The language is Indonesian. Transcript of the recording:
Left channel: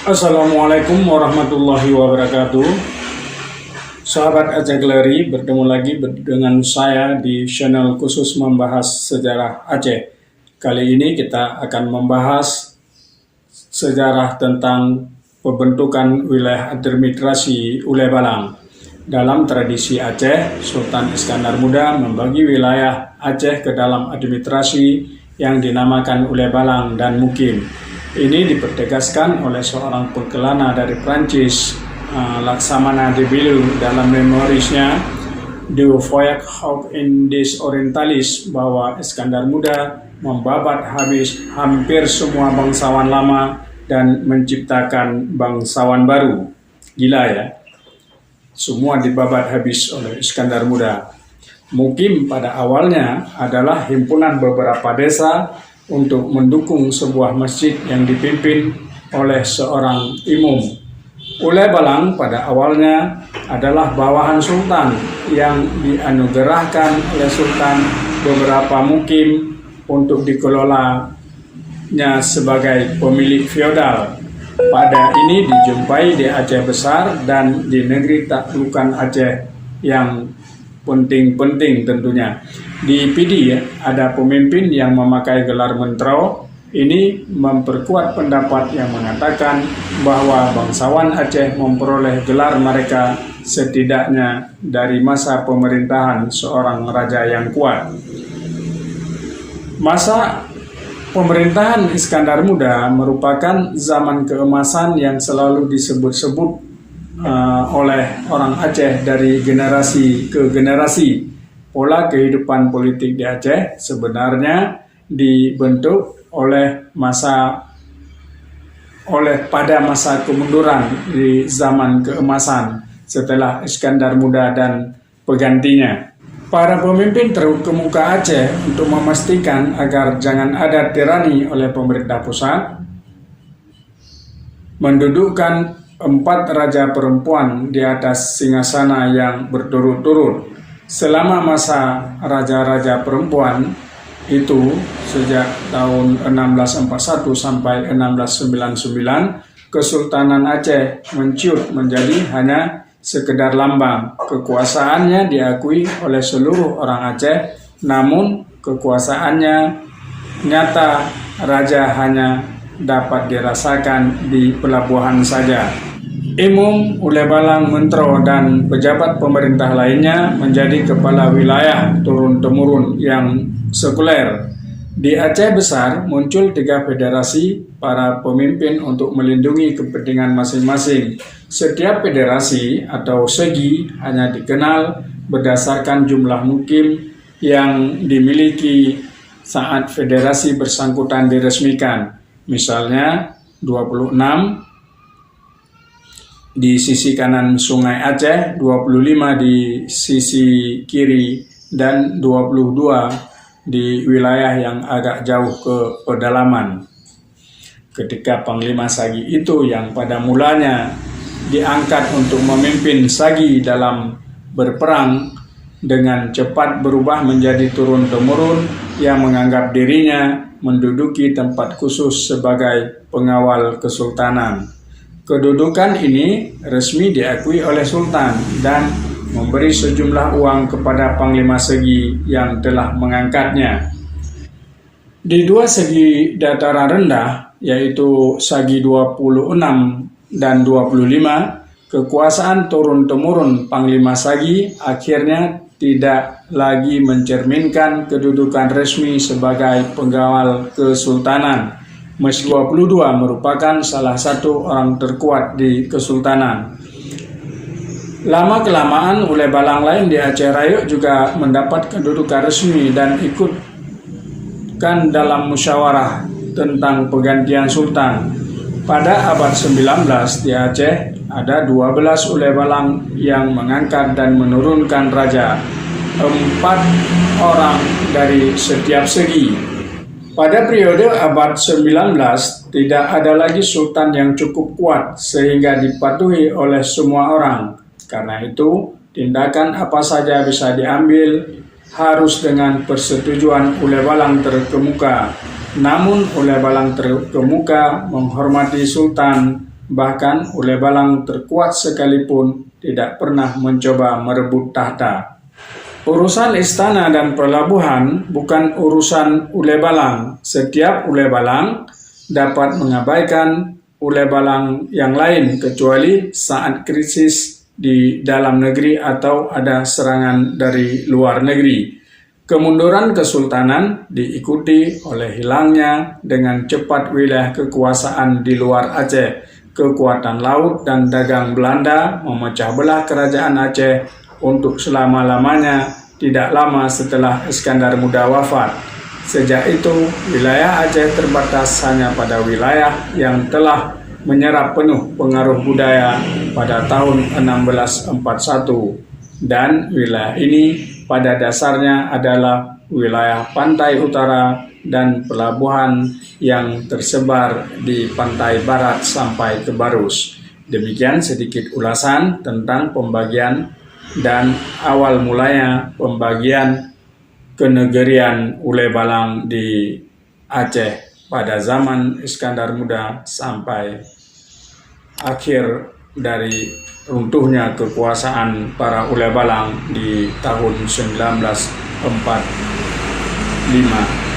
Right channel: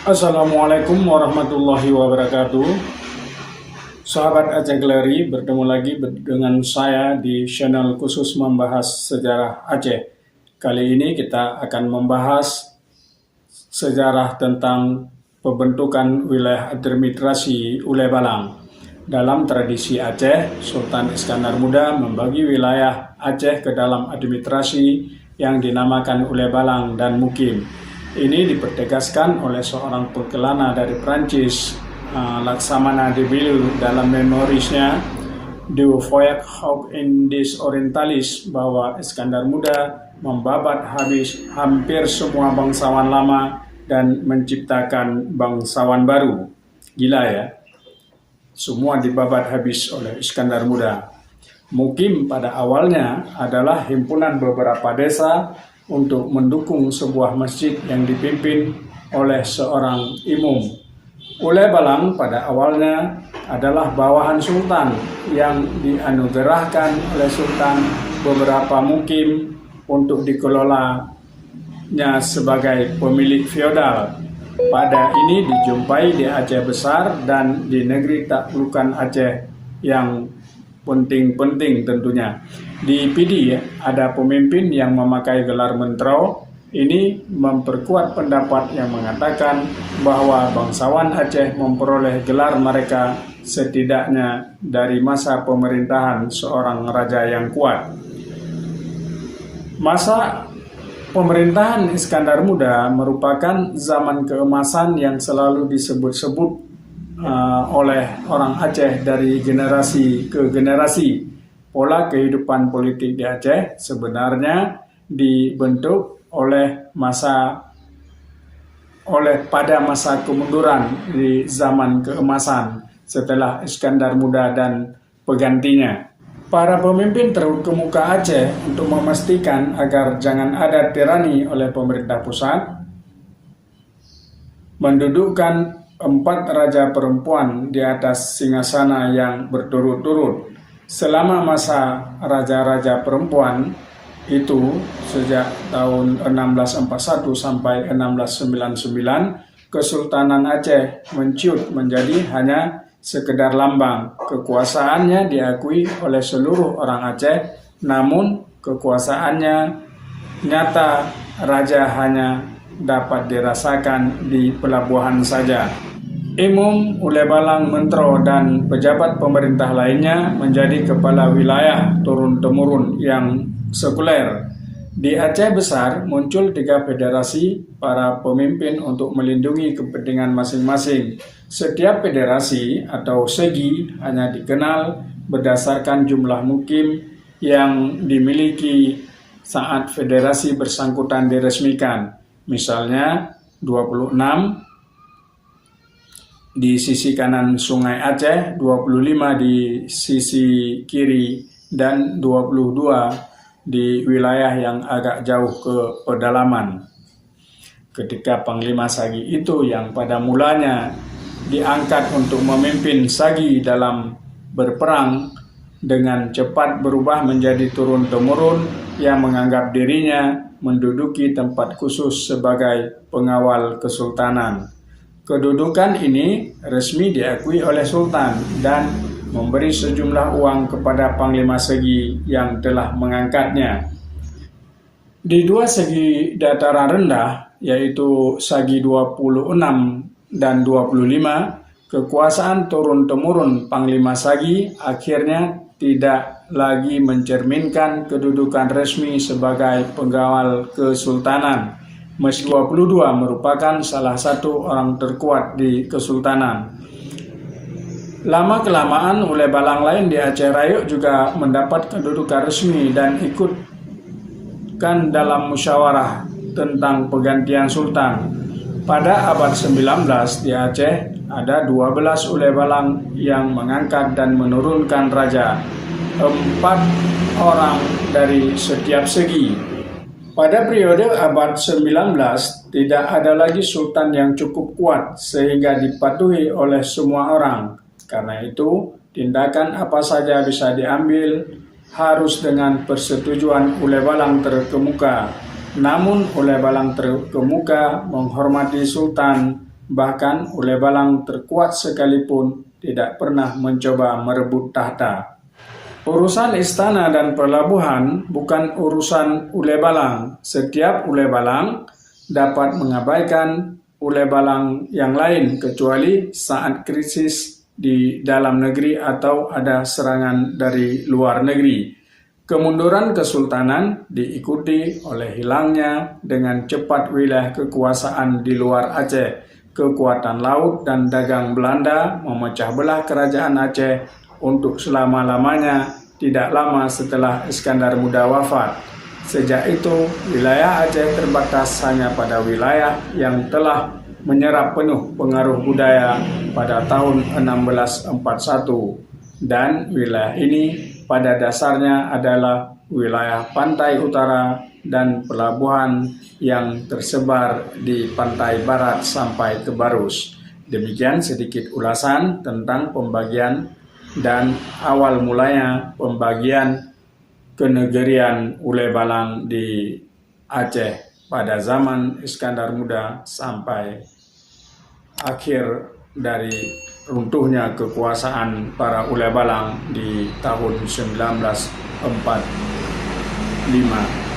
Assalamualaikum warahmatullahi wabarakatuh. Sahabat Aceh Gleri, bertemu lagi dengan saya di channel khusus membahas sejarah Aceh. Kali ini kita akan membahas sejarah tentang pembentukan wilayah administrasi Ulay Balang. Dalam tradisi Aceh, Sultan Iskandar Muda membagi wilayah Aceh ke dalam administrasi yang dinamakan Ulay Balang dan Mukim. Ini dipertegaskan oleh seorang pekelana dari Prancis, Laksamana de Billu, dalam memorisnya Du Voyage Hawk Indies Orientalis, bahwa Iskandar Muda membabat habis hampir semua bangsawan lama dan menciptakan bangsawan baru. Gila ya, semua dibabat habis oleh Iskandar Muda. Mukim pada awalnya adalah himpunan beberapa desa untuk mendukung sebuah masjid yang dipimpin oleh seorang imam. Ulay Balang pada awalnya adalah bawahan sultan yang dianugerahkan oleh sultan beberapa mukim untuk dikelolanya sebagai pemilik feodal. Pada ini dijumpai di Aceh Besar dan di negeri taklukan Aceh yang penting-penting tentunya. Di Pidi ada pemimpin yang memakai gelar mentro. Ini memperkuat pendapat yang mengatakan bahwa bangsawan Aceh memperoleh gelar mereka setidaknya dari masa pemerintahan seorang raja yang kuat. Masa pemerintahan Iskandar Muda merupakan zaman keemasan yang selalu disebut-sebut oleh orang Aceh dari generasi ke generasi. Pola kehidupan politik di Aceh sebenarnya dibentuk pada masa kemunduran di zaman keemasan setelah Iskandar Muda dan penggantinya. Para pemimpin terkemuka Aceh untuk memastikan agar jangan ada tirani oleh pemerintah pusat mendudukkan 4 raja perempuan di atas singgasana yang berturut-turut. Selama masa raja-raja perempuan itu, sejak tahun 1641 sampai 1699, Kesultanan Aceh menciut menjadi hanya sekedar lambang. Kekuasaannya diakui oleh seluruh orang Aceh, namun kekuasaannya nyata raja hanya dapat dirasakan di pelabuhan saja. Imam, Ulay Balang, mentro, dan pejabat pemerintah lainnya menjadi kepala wilayah turun-temurun yang sekuler. Di Aceh Besar muncul 3 federasi para pemimpin untuk melindungi kepentingan masing-masing. Setiap federasi atau segi hanya dikenal berdasarkan jumlah mukim yang dimiliki saat federasi bersangkutan diresmikan. Misalnya 26 di sisi kanan Sungai Aceh, 25 di sisi kiri, dan 22 di wilayah yang agak jauh ke pedalaman. Ketika Panglima Sagi itu yang pada mulanya diangkat untuk memimpin Sagi dalam berperang, dengan cepat berubah menjadi turun-temurun yang menganggap dirinya menduduki tempat khusus sebagai pengawal kesultanan. Kedudukan ini resmi diakui oleh Sultan dan memberi sejumlah uang kepada Panglima Segi yang telah mengangkatnya. Di 2 segi dataran rendah, yaitu Sagi 26 dan 25, kekuasaan turun-temurun Panglima Sagi akhirnya tidak lagi mencerminkan kedudukan resmi sebagai pengawal kesultanan. Meski 22 merupakan salah satu orang terkuat di kesultanan. Lama-kelamaan Ulay Balang lain di Aceh Raya juga mendapat kedudukan resmi dan ikutkan dalam musyawarah tentang penggantian sultan. Pada abad 19 di Aceh ada 12 Ulay Balang yang mengangkat dan menurunkan raja, 4 orang dari setiap segi. Pada periode abad 19, tidak ada lagi sultan yang cukup kuat sehingga dipatuhi oleh semua orang. Karena itu, tindakan apa saja bisa diambil harus dengan persetujuan Ulay Balang terkemuka. Namun Ulay Balang terkemuka menghormati sultan Bahkan Ule Balang terkuat sekalipun tidak pernah mencoba merebut tahta. Urusan istana dan pelabuhan bukan urusan Ule Balang. Setiap Ule Balang dapat mengabaikan Ule Balang yang lain kecuali saat krisis di dalam negeri atau ada serangan dari luar negeri. Kemunduran kesultanan diikuti oleh hilangnya dengan cepat wilayah kekuasaan di luar Aceh. Kekuatan laut dan dagang Belanda memecah belah kerajaan Aceh untuk selama-lamanya tidak lama setelah Iskandar Muda wafat. Sejak itu, wilayah Aceh terbatas hanya pada wilayah yang telah menyerap penuh pengaruh budaya pada tahun 1641. Dan wilayah ini pada dasarnya adalah wilayah pantai utara dan pelabuhan yang tersebar di pantai barat sampai ke Barus. Demikian sedikit ulasan tentang pembagian dan awal mulanya pembagian kenegerian Ule Balang di Aceh pada zaman Iskandar Muda sampai akhir dari runtuhnya kekuasaan para Ule Balang di tahun 1945.